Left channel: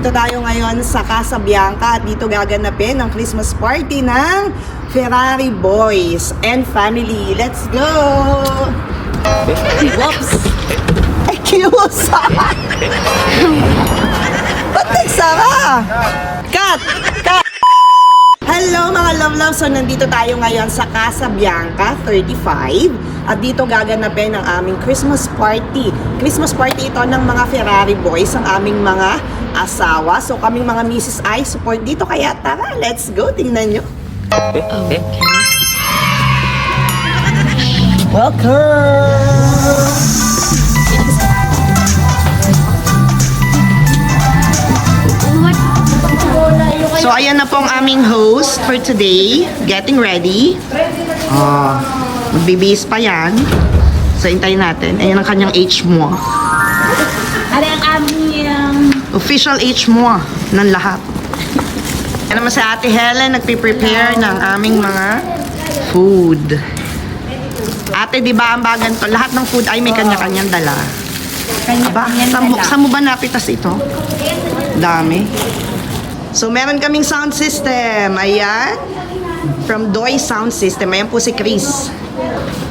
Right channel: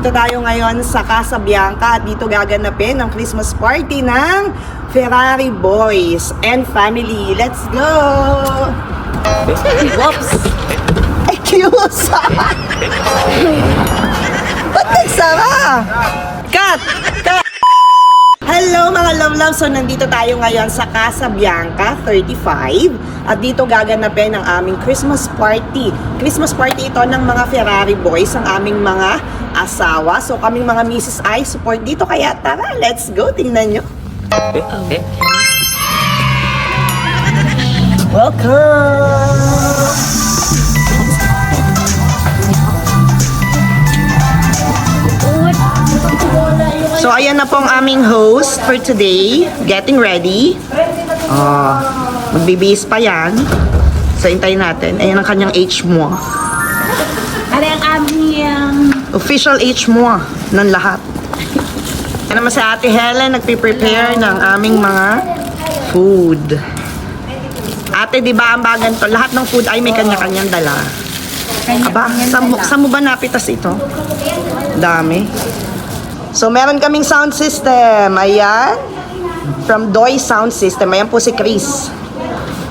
nandito tayo ngayon sa Casa Bianca at dito gaganapin ang Christmas party ng Ferrari Boys and Family. Let's go! Whoops! Excuse! Ba't nagsara? Cut! Cut! Hello mga love-love! So nandito tayo ngayon sa Casa Bianca 35 at dito gaganapin ang aming Christmas party. Christmas party ito ng mga Ferrari Boys, ang aming mga asawa. So kaming mga Mrs. I support dito, kaya tara, let's go! Tingnan nyo. Welcome! So ayan na po ang aming host for today, getting ready. Oh, magbibihis pa yan. So hintayin natin. Ayan ang kanyang age mo. Ano ang aming Official age mo ng lahat. Yan naman si Ate Helen, nagpe-prepare ng aming mga food. Ate, di ba ang bagan to? Lahat ng food ay may kanya-kanyang dala. Aba, saan mo ba napitas ito? Dami. So, meron kaming sound system. Ayan. From Doy Sound System. Ayan po si Chris.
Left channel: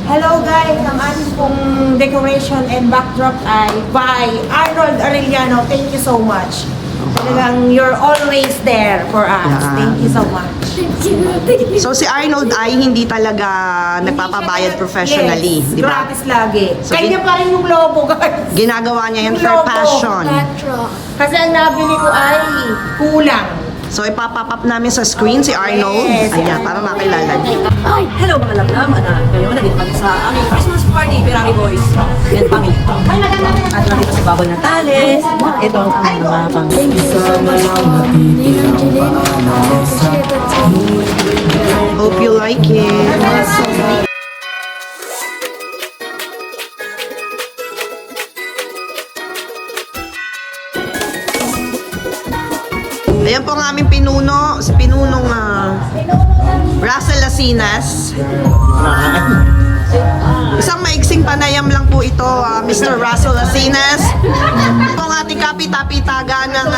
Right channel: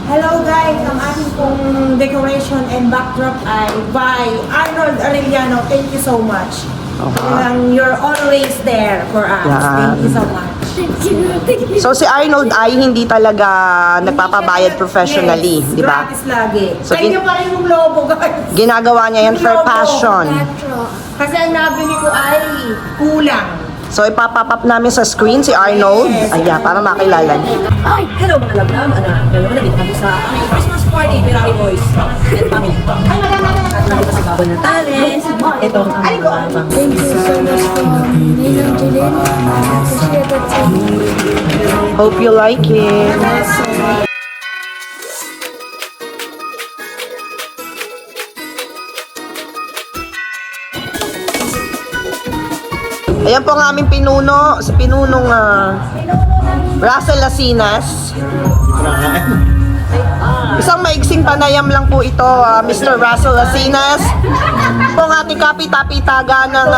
Hello guys, ang ating pong decoration and backdrop ay by Arnold Arellano. Thank you so much. You're always there for us. Yeah. Thank you so much. So, si Arnold ay hindi talaga nagpapabayad professionally. Yes, Di ba? gratis lagi. So, Kanya pa rin yung lobo guys. Ginagawa niya yan for Lobo. passion. Kasi ang nabili ko ay kulang. So, ipapapap namin sa screen si Arnold. Yes. Ayan, para makilala niyo. Hello mga laglam, ngayon nandito kami sa aking Christmas party, Ferrari Boys and Family. At nandito sa Baboy Natales. Ito ang aming mga pang... Thank you so much for Ninang Jilin. I appreciate it so much. Hope you like it. Ayan po ang aming pinuno, si pinunong Russell Lasinas. Isang maigsing panayam lang po ito, Mr. Russell Lasinas. Po ang ating kapita-pitaga ng...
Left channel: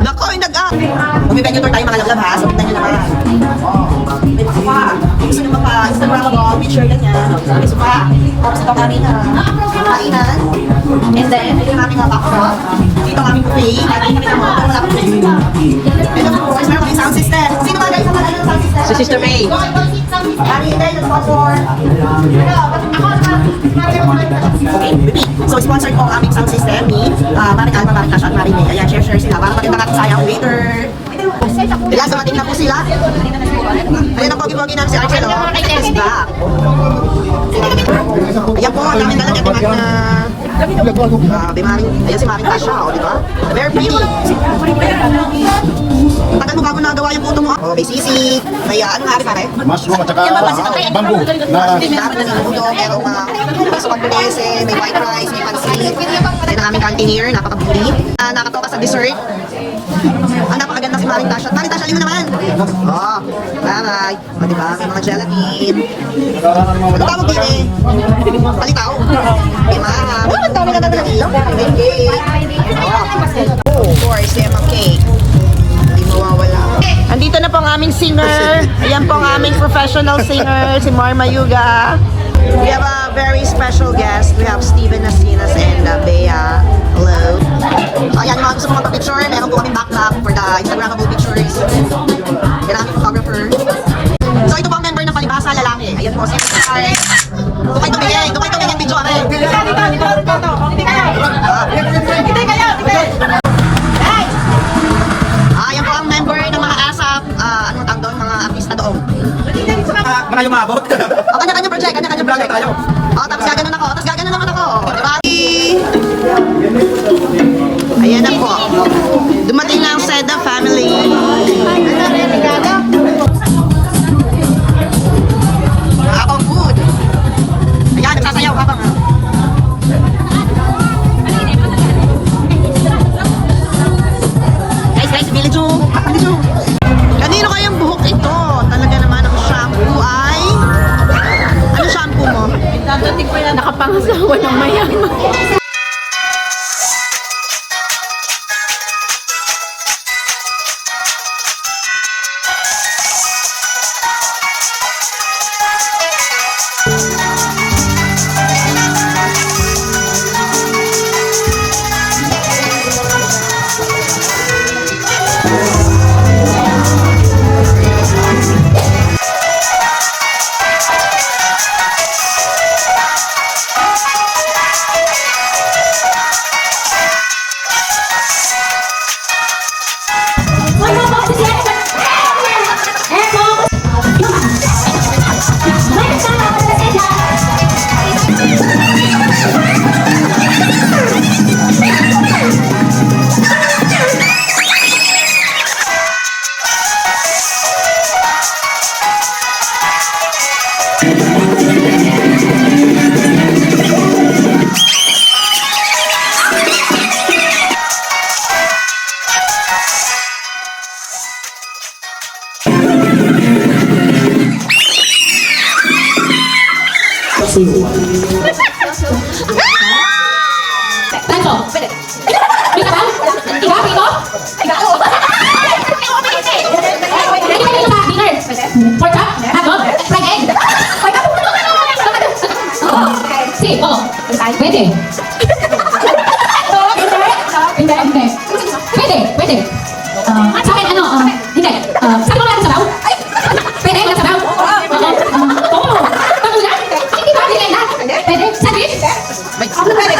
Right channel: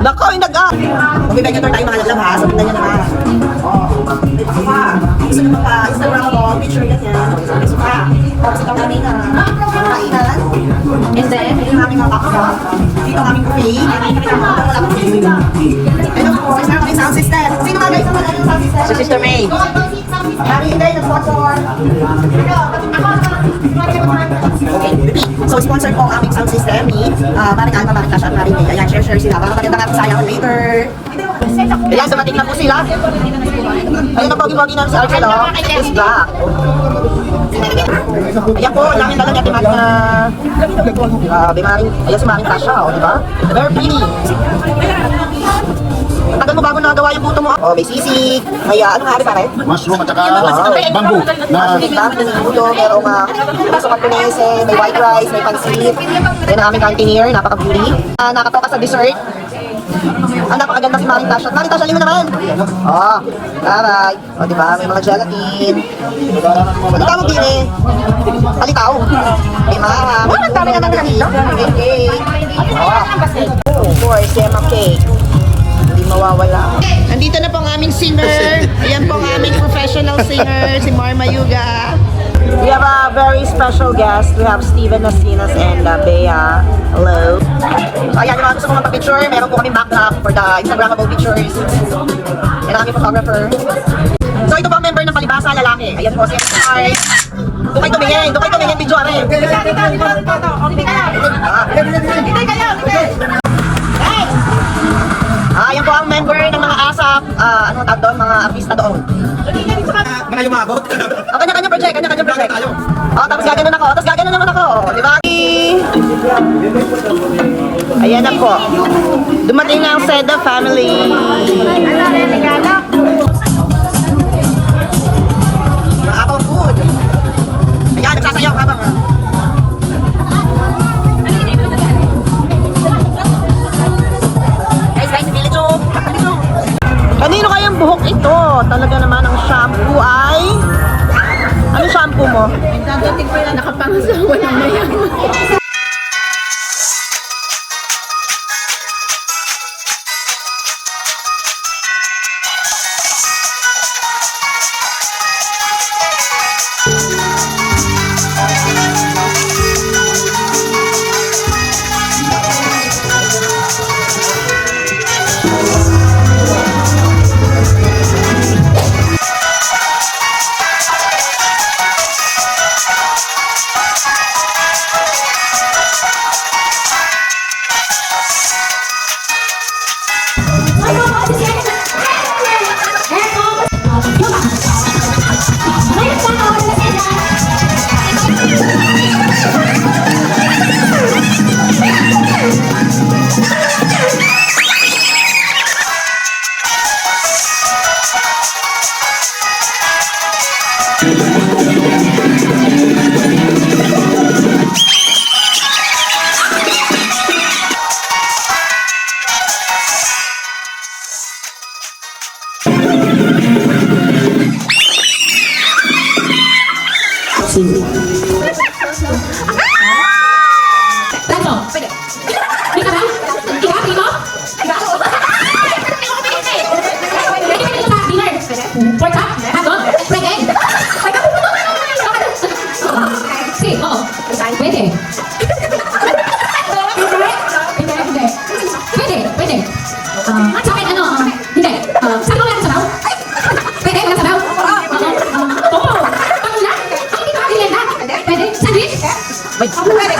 Nako, Magbibigay tour tayo mga lalab ha, so tignan nyo naman. May baka pa. Gusto nyo mapa-Instagramable, picture ganyan. Gusto pa. Tapos ito kami na kainan. And then, ito yung aming mga backdrop. Dito kami puwi. And of course, meron kami sound system. Sino mga guys ang sound system? Si Sister May. Mari Inday, sponsor. So, sponsored po ang aming sound system ni Maring Alma, Maring Tasha at Maring May. Ayan, share sila. Para maganda natin sa ayang Twitter. Ayan, dumating na po sila. Ayan ang pogi-pogi namin si Archel, oh. He's back. Ayan po, ang daming dala niya Maring ayan si Maring Tasha, oh, di ba? Very pretty. Tagal mo bago nagawa yung puto mo. Oh, may sisig, may ano nga rin pare? Mushroom at saka bamboo. Dami na naluto, merong piso camponese, may white rice, may pansit. Then ang aming cantineer, napaka-beauty. Nakatoka sa dessert. Ang napakaganda si Maring Tasha. Maring Tasha, limo naman! Oh, taray. O diba, may mga gelatin. Ano tawag din eh? Palitaw. May mara, may cake, may cake. Oh, of course, lemon cake. Hindi mawawala. Andito na po ang aming singer. Ayan po ang aming professional singer, si Marma Yuga. We have a very special guest. We have Steven Nasinas and Bea. Hello. Ayan yung mga gusto ko magpa-picture. Meron po kaming backdrop for the Instagrammable pictures. Yan ang aming photographer. So ito po ang member ng Palibasa, lalaki. Ayan po, si Stars. Doon kayo tumingin video. Ayan po ang member ng mga ASAP. Anong tawag doon? Mga artista doon. Mahal yung mabot. Kanya-kanya project. tayo. Tapos gaganon naman ako. Diba? Ayan na po. Dumating na ang Seda family. Ako food. Ayan, nagsasayaw habang guys, village room. Kanino kayang buhok ito? Talaga naman ang shampoo ay... Ano shampoo mo? Dadating ko yan, nakapangasawa ng mayaman. Tanto, pwede. Bisa ba? Iba, Pino? Ready ba dito sa dinner? Pork chop? Hotdog? Fried egg? Si, oo. Pwede. Hindi, hindi. Pwede, pwede. Sa akin, ano, hindi. Sabi ko lang sabaw? Pwede, lang sabaw? Oo. Pangulang? Hindi ba? Hindi na? Pwede. Sandwich? Sandwich?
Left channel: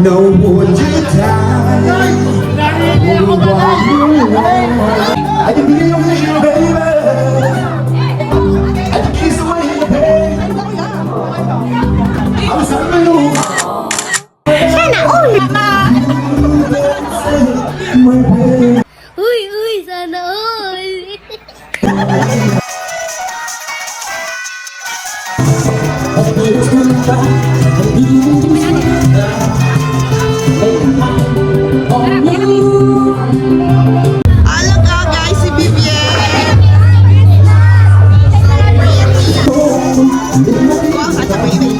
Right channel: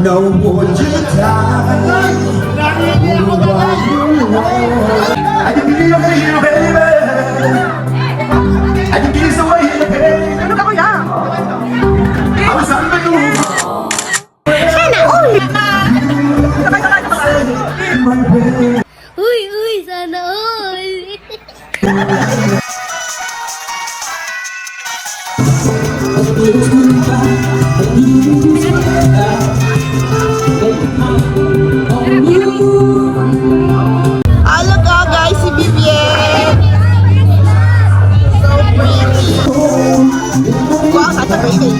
No would you die? I can feel your pain, baby. I can kiss away the pain. Ano ka kuya? I was on the move. Uy, uy, sana all. Hello ka guys, si Vivian. So pretty. Wow, such a baby.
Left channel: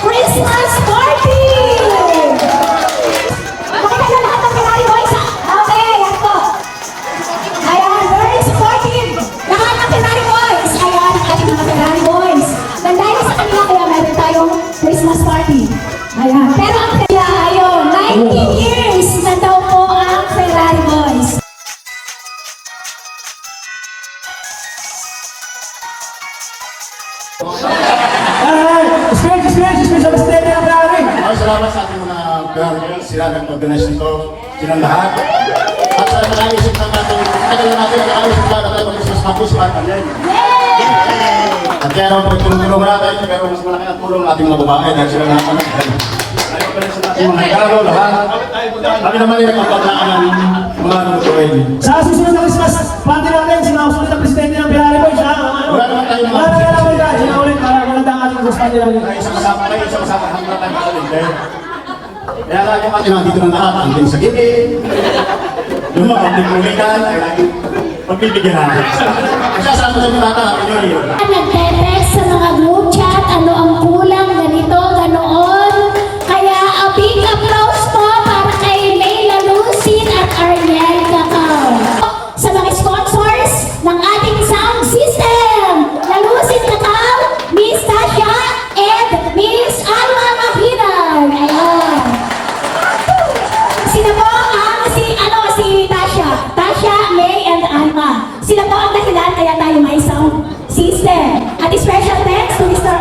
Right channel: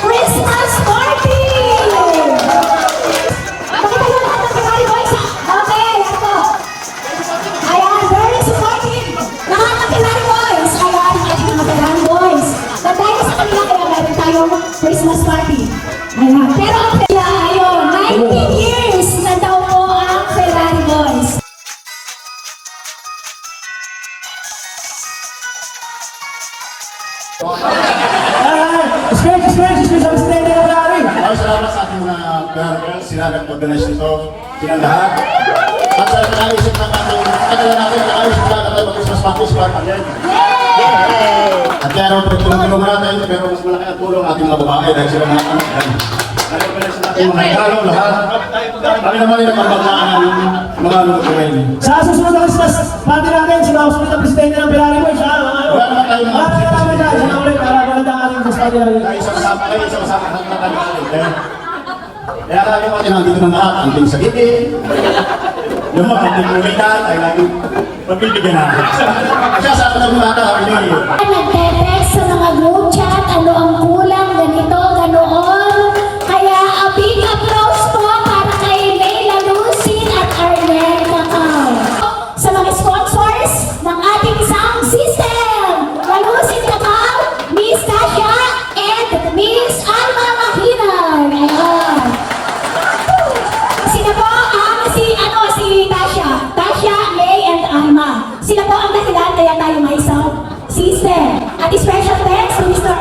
Christmas party! Pakita na lahat ng Ferrari boys, ha? Okay, ako. Ayan, very supportive. Lahat ng Ferrari boys. Ayan, ang ating mga Ferrari boys. Na dahil sa kanila, kaya meron tayong Christmas party. Ayan. Pero ang kaya, ayun, 19 years na daw po ang Ferrari boys. Maraming salamat sa ating mga girls, sila ng organisasyon to, silang lahat. At sa nag-aayos ng ating, tagal natin nag-aayos na tayo mag-Christmas party sa Barcalayan. At kaya naman tulong-tulong natin, pero mas malaki ang tulong ating mga babae dahil sila lahat anak. Nag-organize sa ating mga kararaw lahat. Kami naman yung pagmataan ng mga nag-gawin. Sa susunod ng Christmas party natin, sila ang sumunod na presidente ng Ferrari Boys, ha? Maraming namin na, sila ulit, para maganda ang ating Christmas party. Isang kasama hanggang ang presidente. Kaya kaya natin nandito na lahat, ang sa gilid. Yung mga pagdimulikan ay laging pagbibigyan natin. Kasi sa atin ng bata, Nagte-text sa mga group chat, ano ang kulang, ganito, ganoon. Kaya a big applause po para kay Leila Lucin at Arnel Cacao. Sa mga sponsors ng ating sound system, na Lucin Cacao, Miss Tasha, and Miss Alma Makinan. Ayan. Sila po ang si Tasha. Tasha, May, and Alma. Sila po ang dahilan kaya tayo may sound system. At special thanks to Mr.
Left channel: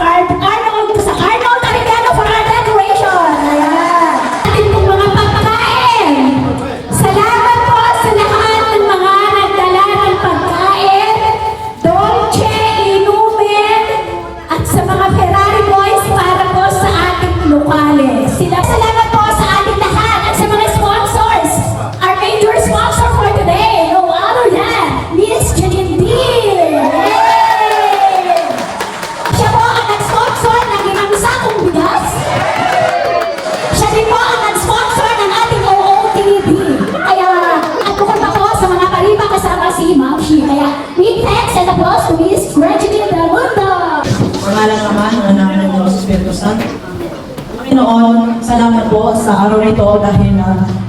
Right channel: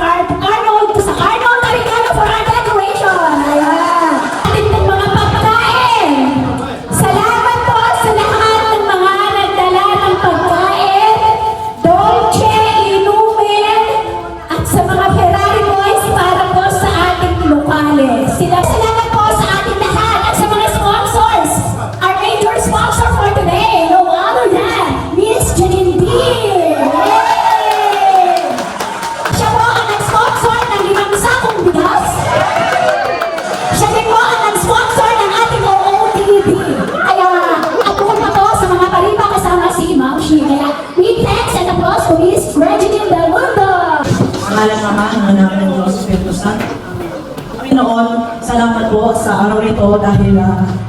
PhD. Kaya big thanks and applause to Miss Regine Del Mundo. Pangalan naman ng anak ng Diyos Espiritu Santo. Panginoon, salamat po sa araw na ito dahil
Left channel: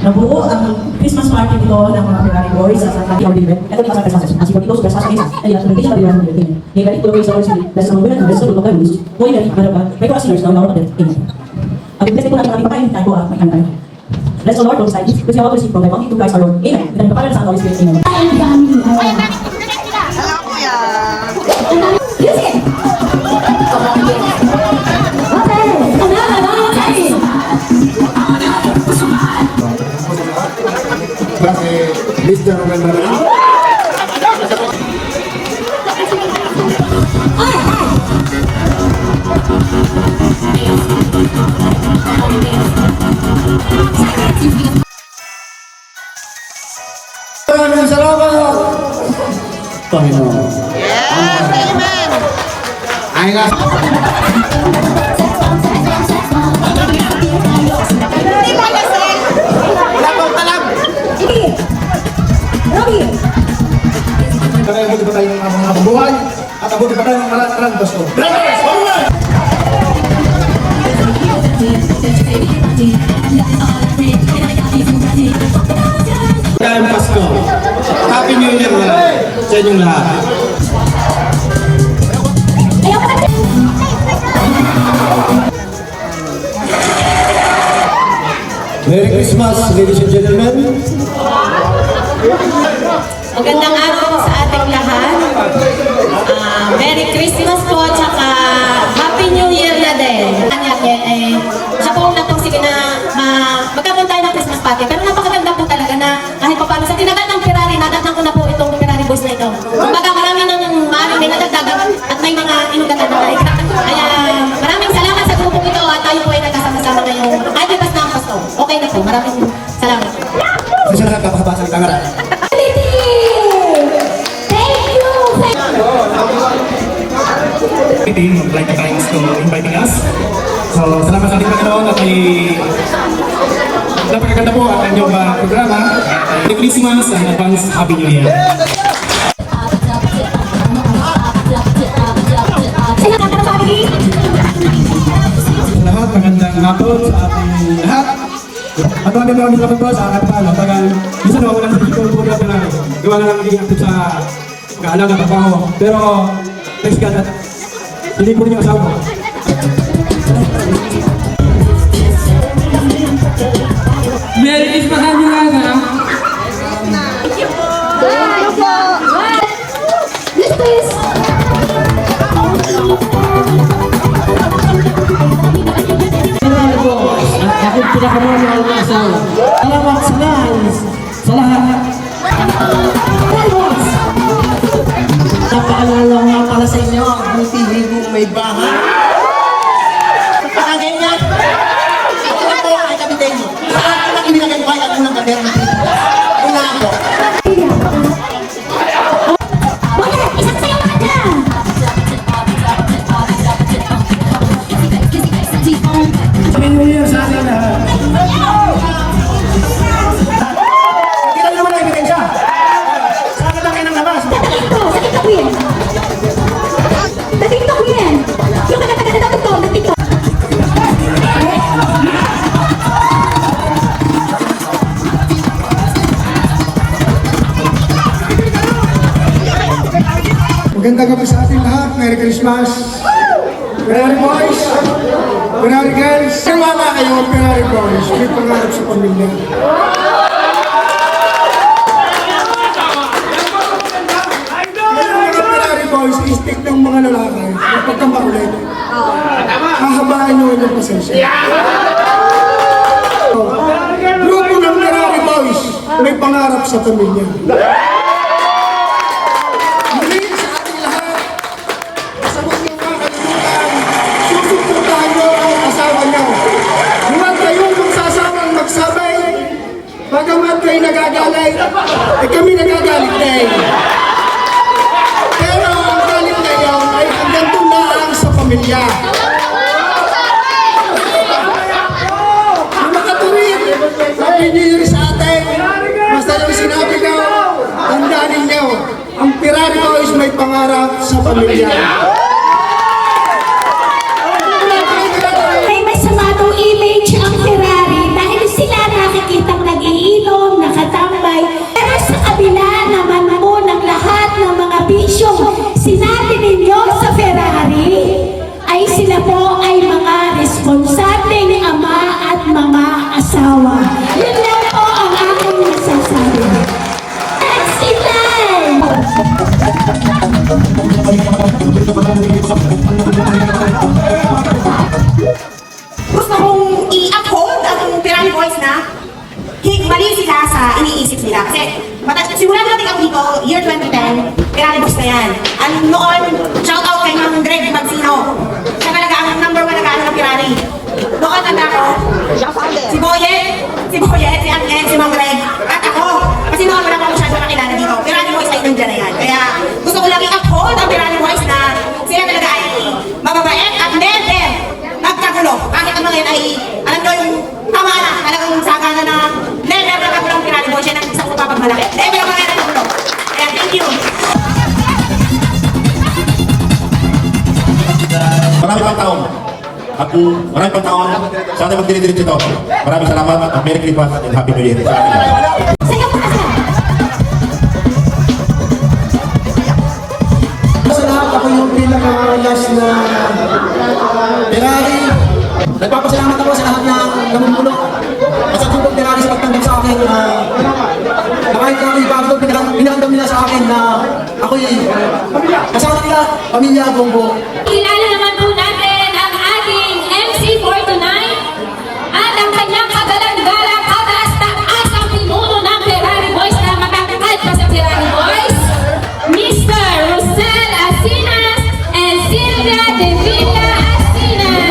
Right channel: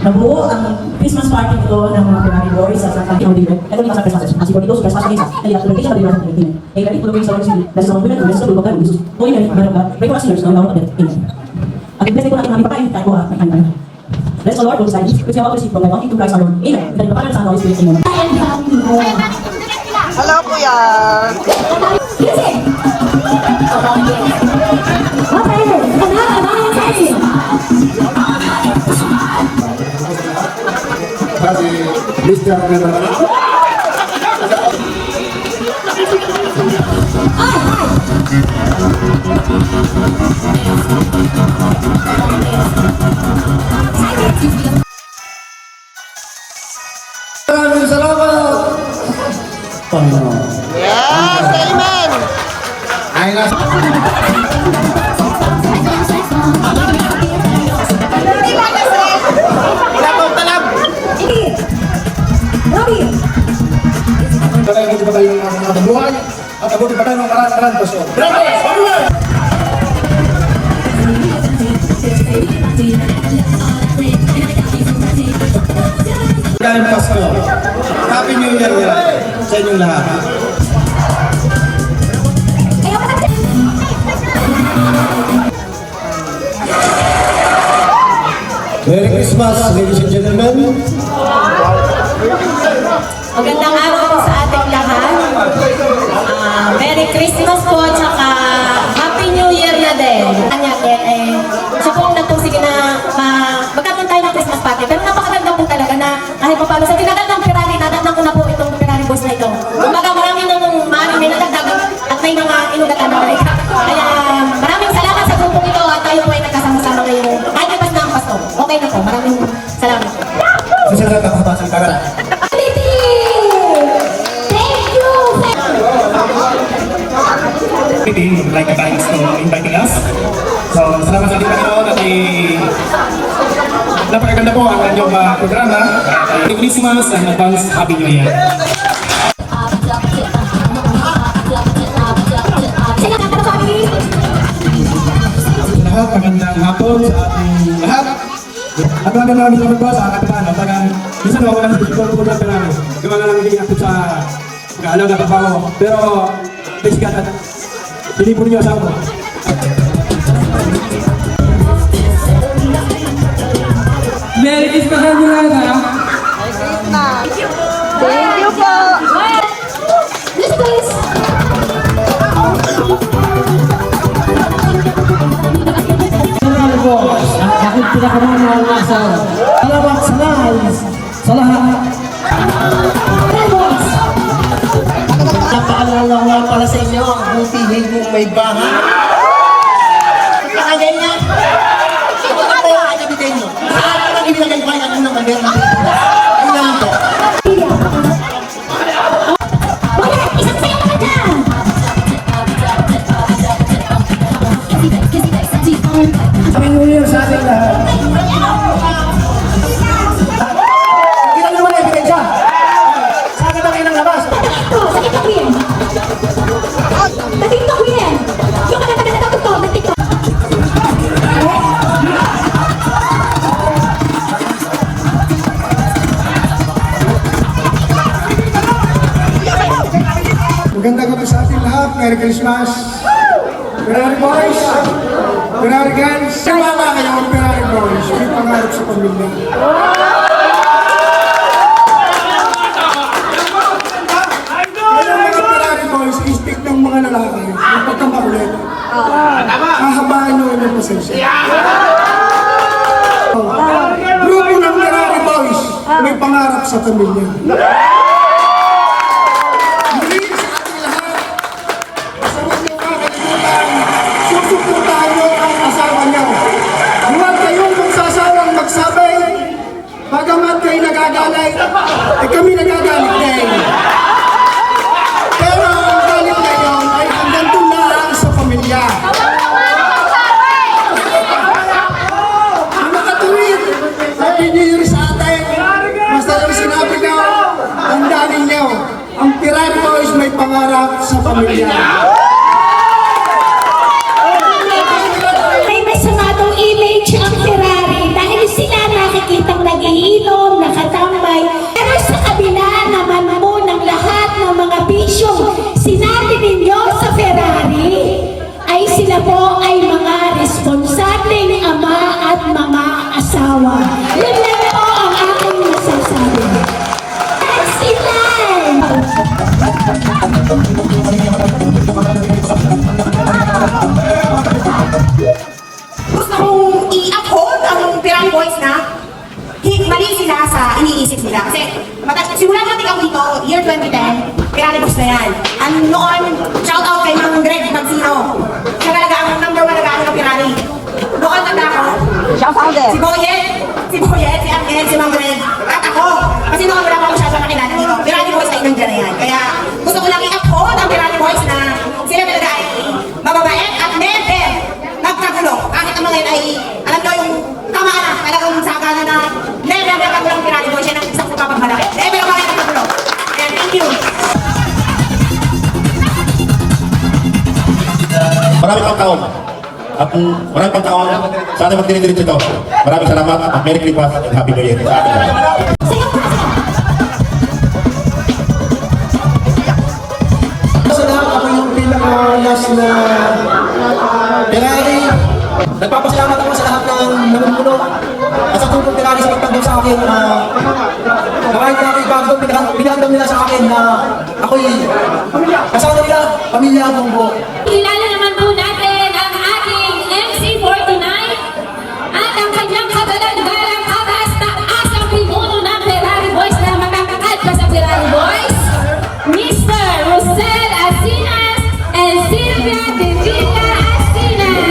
nabuo ang Christmas party nito ng mga Ferrari Boys sa Santa Claudia. Ito yung kasama sa Asiko dito, sa Santa Claudia. Ay, at location na bilang ng team. Ay, kahit tulong sa oras dahil sa mga bilang ng resto, tulong kayo. Muy nari, barangka, may kuras years na nawala din. At i-bless ko natin ang pakain, tanto may antay. Bless the Lord, Lord, sa East, kasi ako receive from my one to Christ our Lord. Amen. Ito yung kapalan sa Holy Spirit. Amen. Hello, kuya. Grazie, Mr. Member. Maraming salamat, Panginoon. Yes, amen. Ay nga. Wala pa ang talab. Kaya hindi pa tayo ng mga buhay at abuti pa tayo ng kalataran, Pastor. Kaya Pastor, Happy New Year sa inyong lahat. Merry Christmas, ladies and gentlemen. Magandang araw po sa ating lahat. Merry Christmas po, tsaka Happy New Year na din. Siya po nagpursige na magkakaroon tayo ng Christmas party. Pero napakaganda po talaga na kahit pa paano sa tinagat ng Ferrari, nadatnan ko na po itong Ferrari Boys na ito. Kumbaga marami nang maraming nadagdagan at may mga inugatan na balik. Kaya maraming salamat sa grupong ito at tayo po ay nagkasama-sama ngayong kahit pas na ang pasto. Okay na po, maraming salamat. Sa lahat ng kapatid ng kamera. Meeting, would like to thank to inviting us. So, salamat sa ating Panginoon at napakaganda po ang inyong programa. Merry Christmas and advance Happy New Year. Lahat, magandang hapon sa ating lahat. At maraming salamat po sa ating pangalan. Tagang, minsan naman walang dito po natin na gawa na lang hindi natin sa kaalaga trabaho. Pero, please God, at hindi po ninyo asawa. Merry Christmas sa inyo lahat, ha? Yes, please. Salamat po, ang aking pinakamamahal na asawa. Salamat sa lahat. Napaalala nga pala sa inyo ang butihin kung may bahay. Nakaganyan. Ako lang tayo ay kapitin. Saan ang ibinagay ko kaya kung ng bandera? Una ako. Happy New Year sa ating lahat. Kita mo naman ang ebidensya. Saan ka tayo ng labas? Magandang gabi sa ating lahat. Merry Christmas. Ferrari Boys. Ferrari Girls. Sumama kayo, Ferrari Boys. May pangarap sa pamilya. Ngayong mga Ferrari Boys, istik ng mga lalaki. Yung pagkamakulit. Hahabaan nyo yung pasensya. Grupo ng Ferrari Boys. May pangarap sa pamilya. Muli sa ating lahat, sa huwag nyo kakalimutan, susuportahan nyo ang asawa nyo. Huwag kayong magsasawang magsabay, bagamat kayo nagagalit, kami nagagalit din. Pero ang galit ngayon ay hanggang doon lang sa pamilya. Sa makatuwid, Happy New Year sa atin. Basta lang sinabi ko, tandaan ninyo, ang pangarap sa pamilya. May masamadong image ang Ferrari dahil sila nakikitang nagiinom, nakatambay. Pero sa kabila naman po ng lahat ng mga bisyong sinabi ninyo sa Ferrari, ay sila po ay mga responsableng ama at mga asawa. Yun lang po ang aking nasasabi. That's it lang! Gusto kong i-uphold ang Ferrari Boys na mali sila sa iniisip nila. Kasi simula natin ako dito, year 2010, Ferrari Boys na yan. Ang noon, shout out kay Mang Greg Magsino. Siya talaga ang number 1 nag-ano ng Ferrari. Noon nanda ako, si Boyet, si Angel, si Mang Greg, at ako. Kasi noon wala pa masyadong nakilala dito. Ferrari Boys ay nandiyan na yan. Kaya gusto ko lang i-uphold ang Ferrari Boys na sila talaga ay mababait at never nagkagulo. Kahit ang mga yun ay, alam nyo yung tama na, talagang sagana na never nagkagulo ang Ferrari Boys. Yan ang isang pumapagmalaki. Never ang mga nagkagulo. Kaya thank you. Marami pang taon. At marami pang taon sa ating magdinidirit ito. Maraming salamat at Merry Christmas and Happy New Year. Sa lahat, ako yung pinaka-last na Ferrari. Nagpapasalamat ako sa lahat ng namumuno at sa tulong Ferrari sa pagtanggap sa akin na kahit na ako'y bago, pinandam nila sa akin na ako'y kasama nila, pamilya ang buong buo. Kilala naman po natin ang ating MC for tonight at ang kanyang kagalang-galang kataas-taasang pinuno ng Ferrari Boys na matatangkad pa sa Ferrari Boys, Mr. Rosel Asinas and Sylvia De Villa Asinas.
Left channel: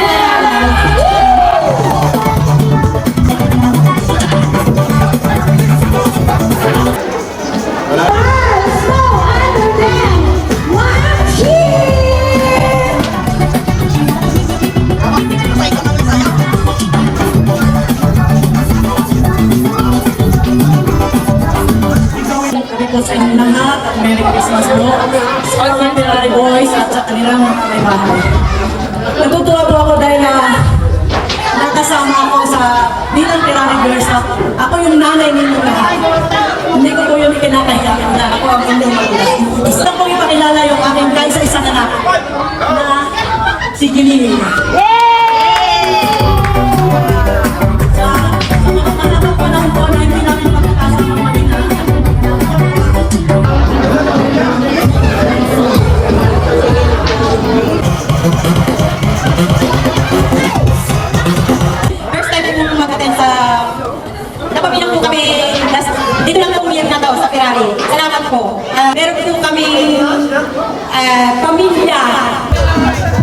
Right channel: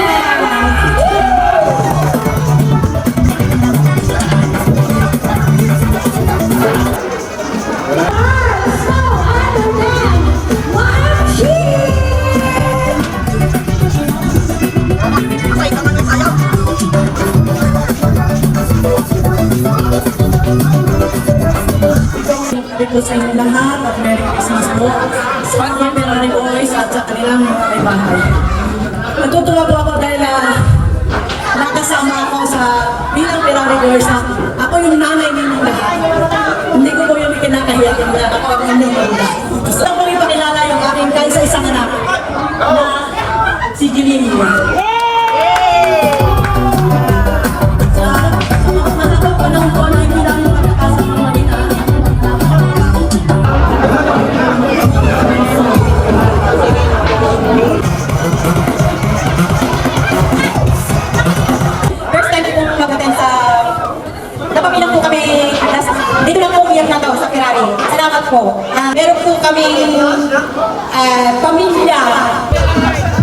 Sabi ko sa inyo lahat at Merry Christmas po. Sa mga Ferrari Boys at sa kanilang mga bahay. Natutuwa po ako dahil nakasama ako sa bilang Ferrari Boys na ako yung nanay ninyo lahat. Hindi ko po yung kinakahiya na ako ang inyong pagkakas. Gusto ko ipakilala yung aking kaisa-isang anak na si Jeline. Sa mga panahon po na hindi namin makakasama ng Manila. First time kong mag-attend sa napabilang po kami dito lang po yung nataw sa Ferrari. Salamat po. Meron po kami pamilya.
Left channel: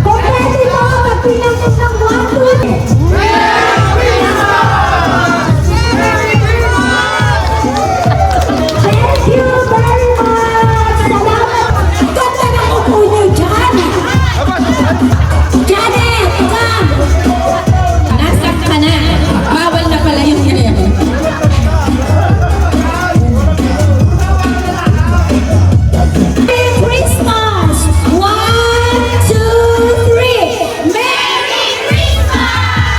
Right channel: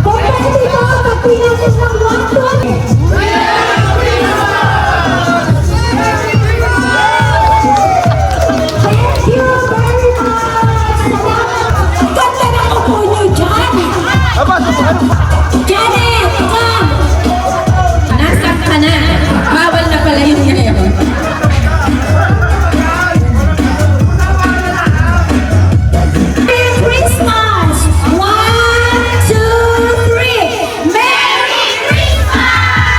Kung pwede po ako magpilitin ng 120. Thank you very much. Ganda na upo niyo dyan. Janet, come. Nasaan ka na? Bawal na pala yung ngayon. Merry Christmas! 1, 2, 3! Merry Christmas!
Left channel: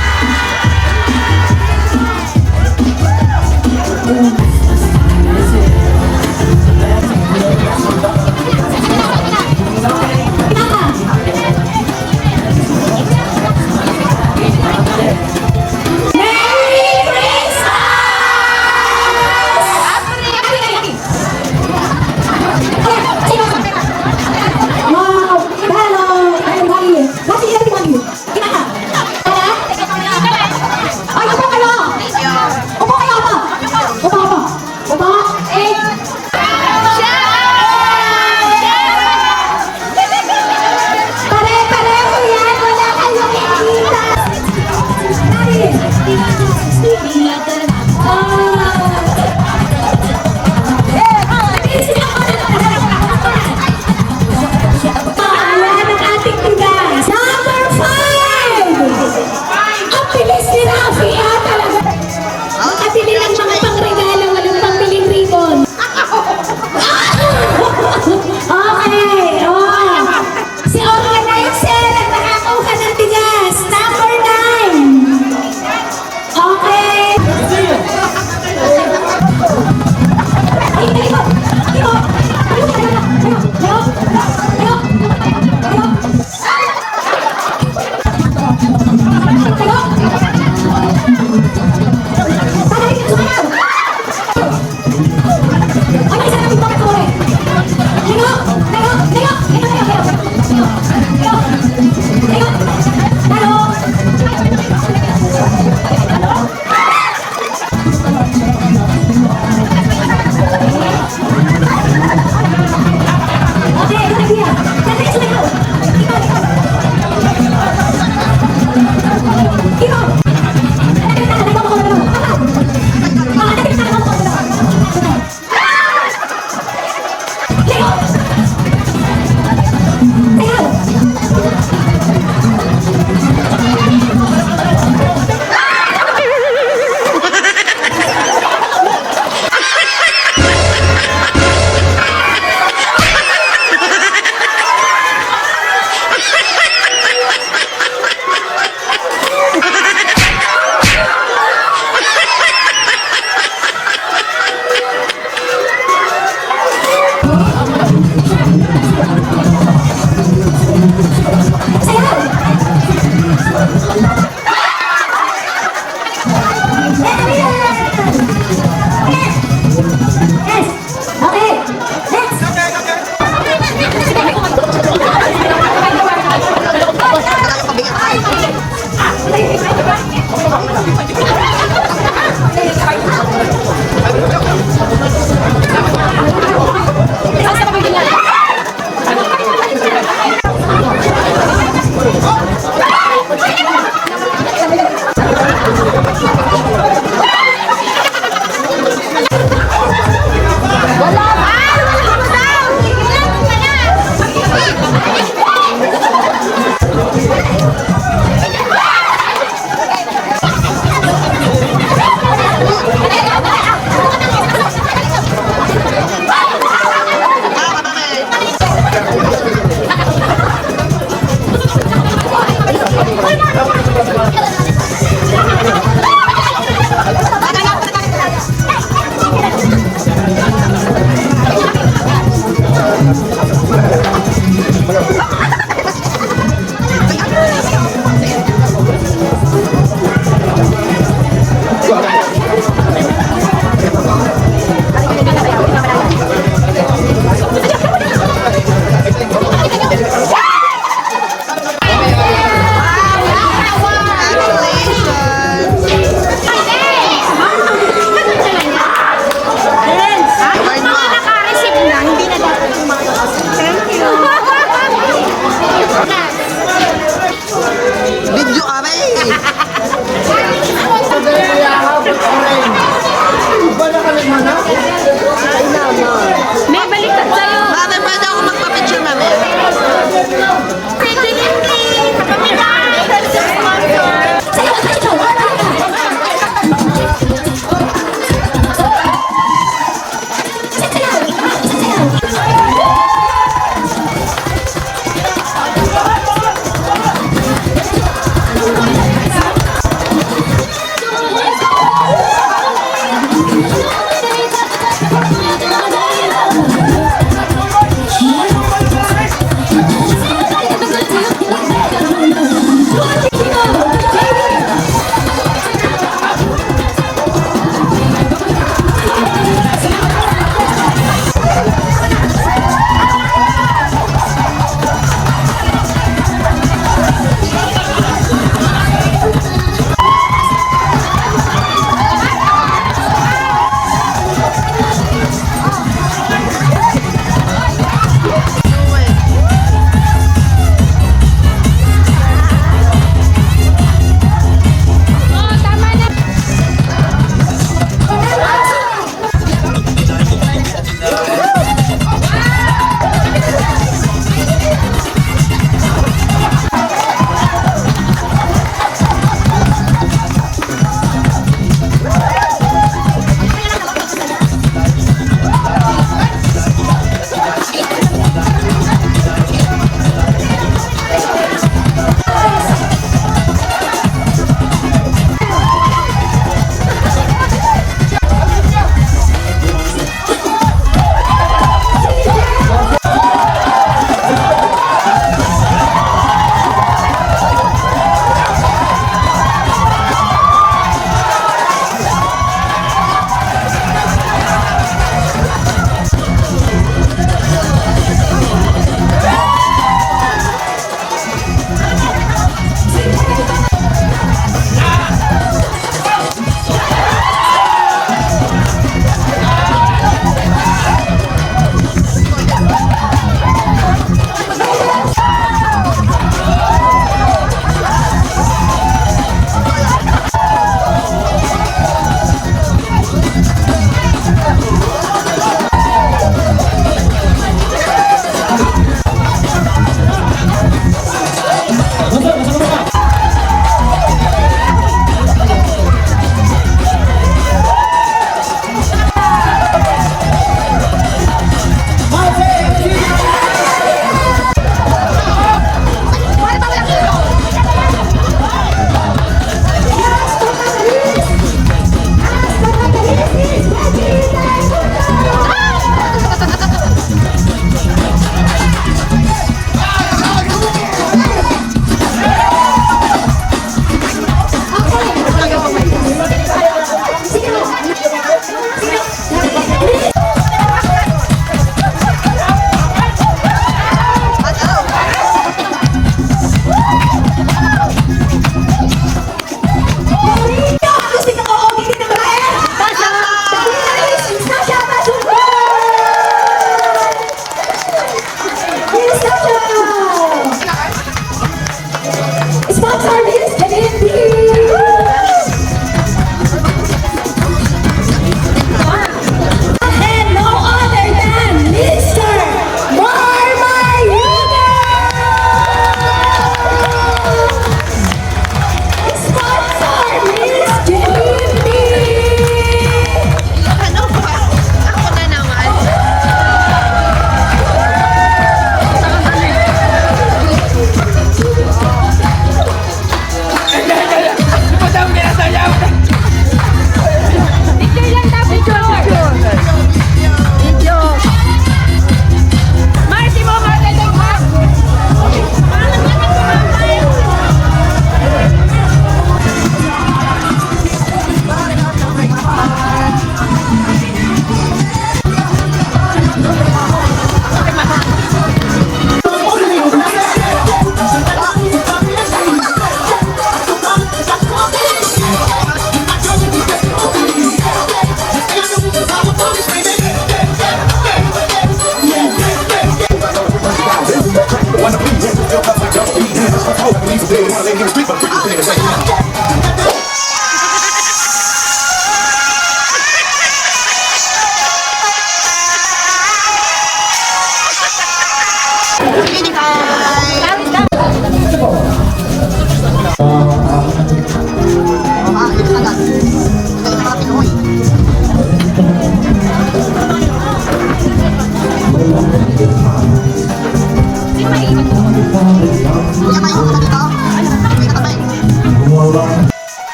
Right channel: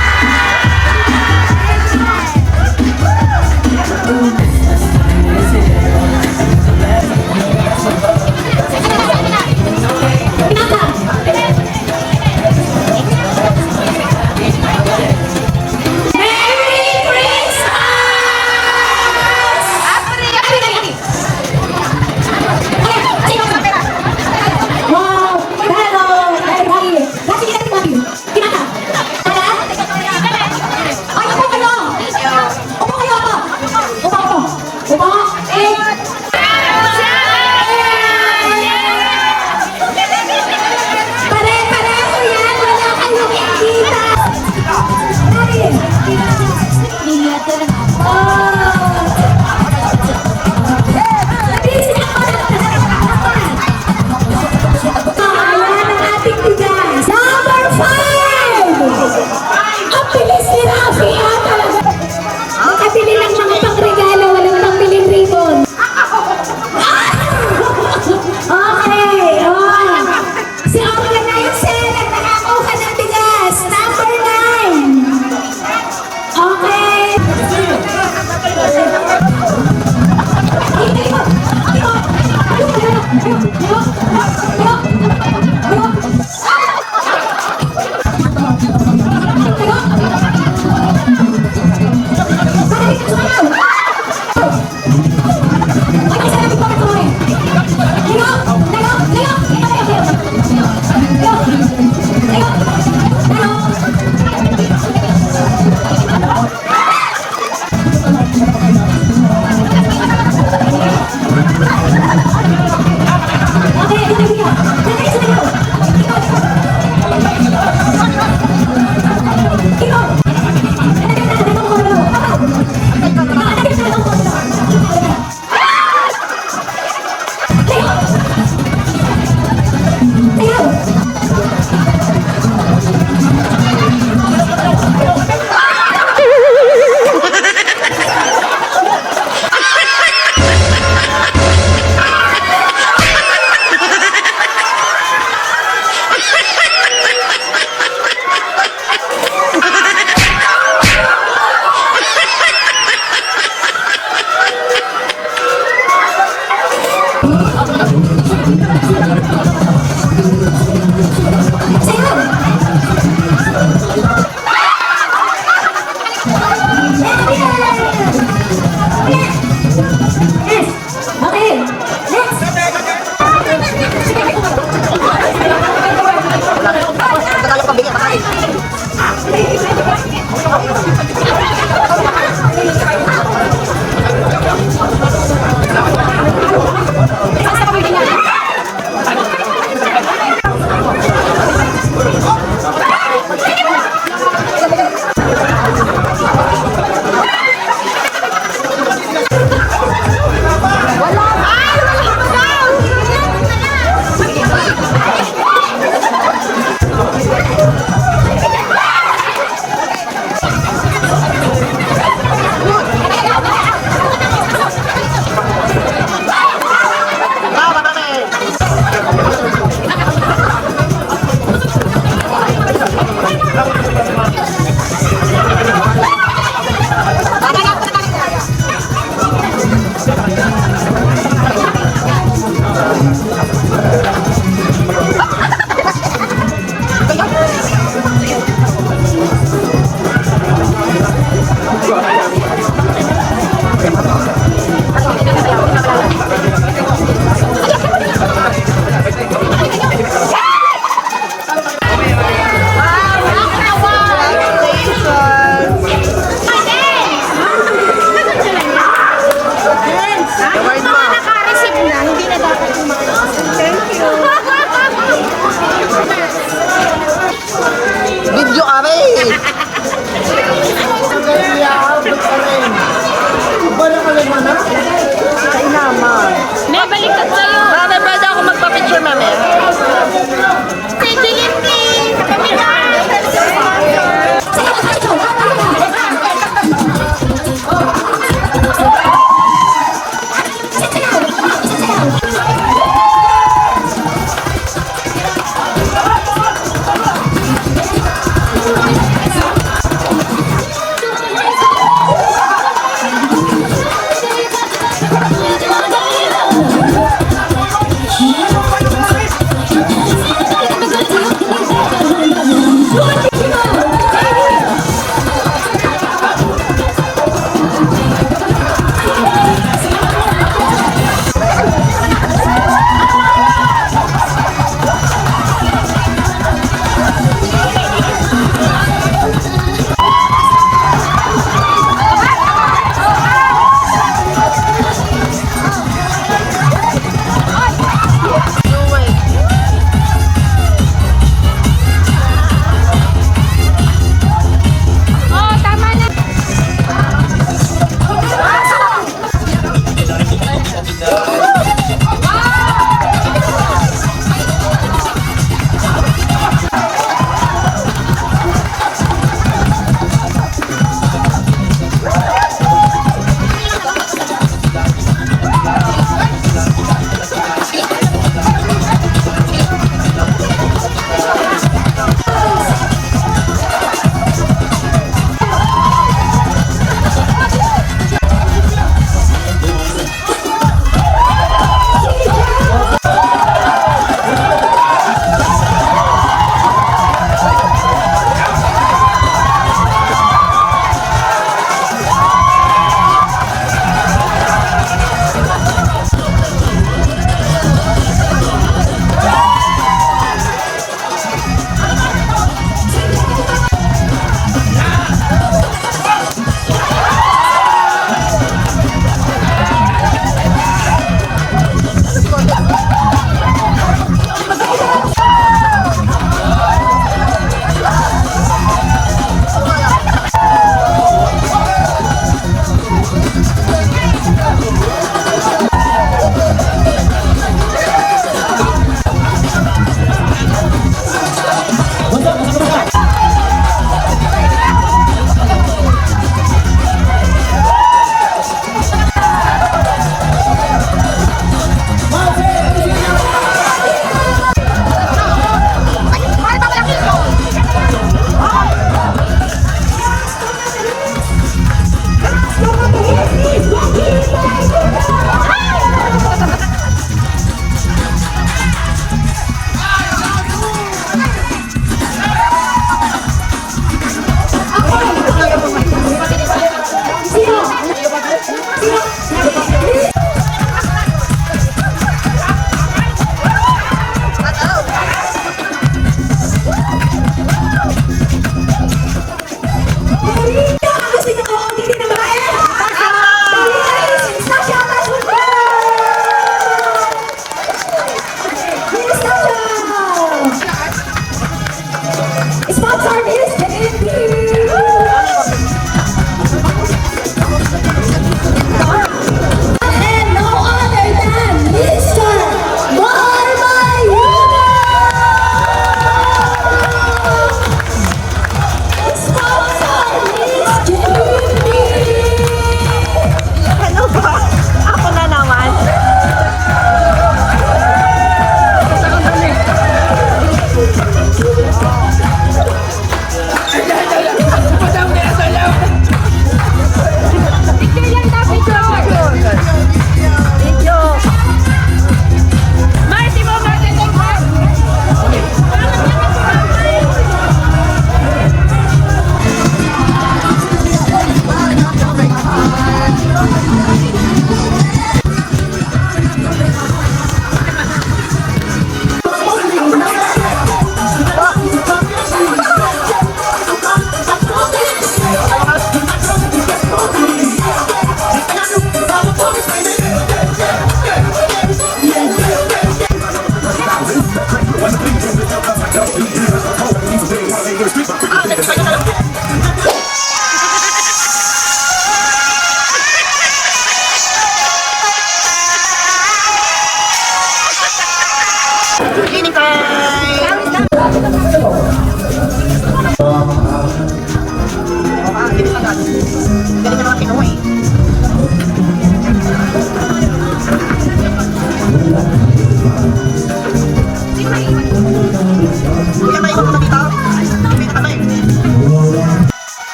instruction!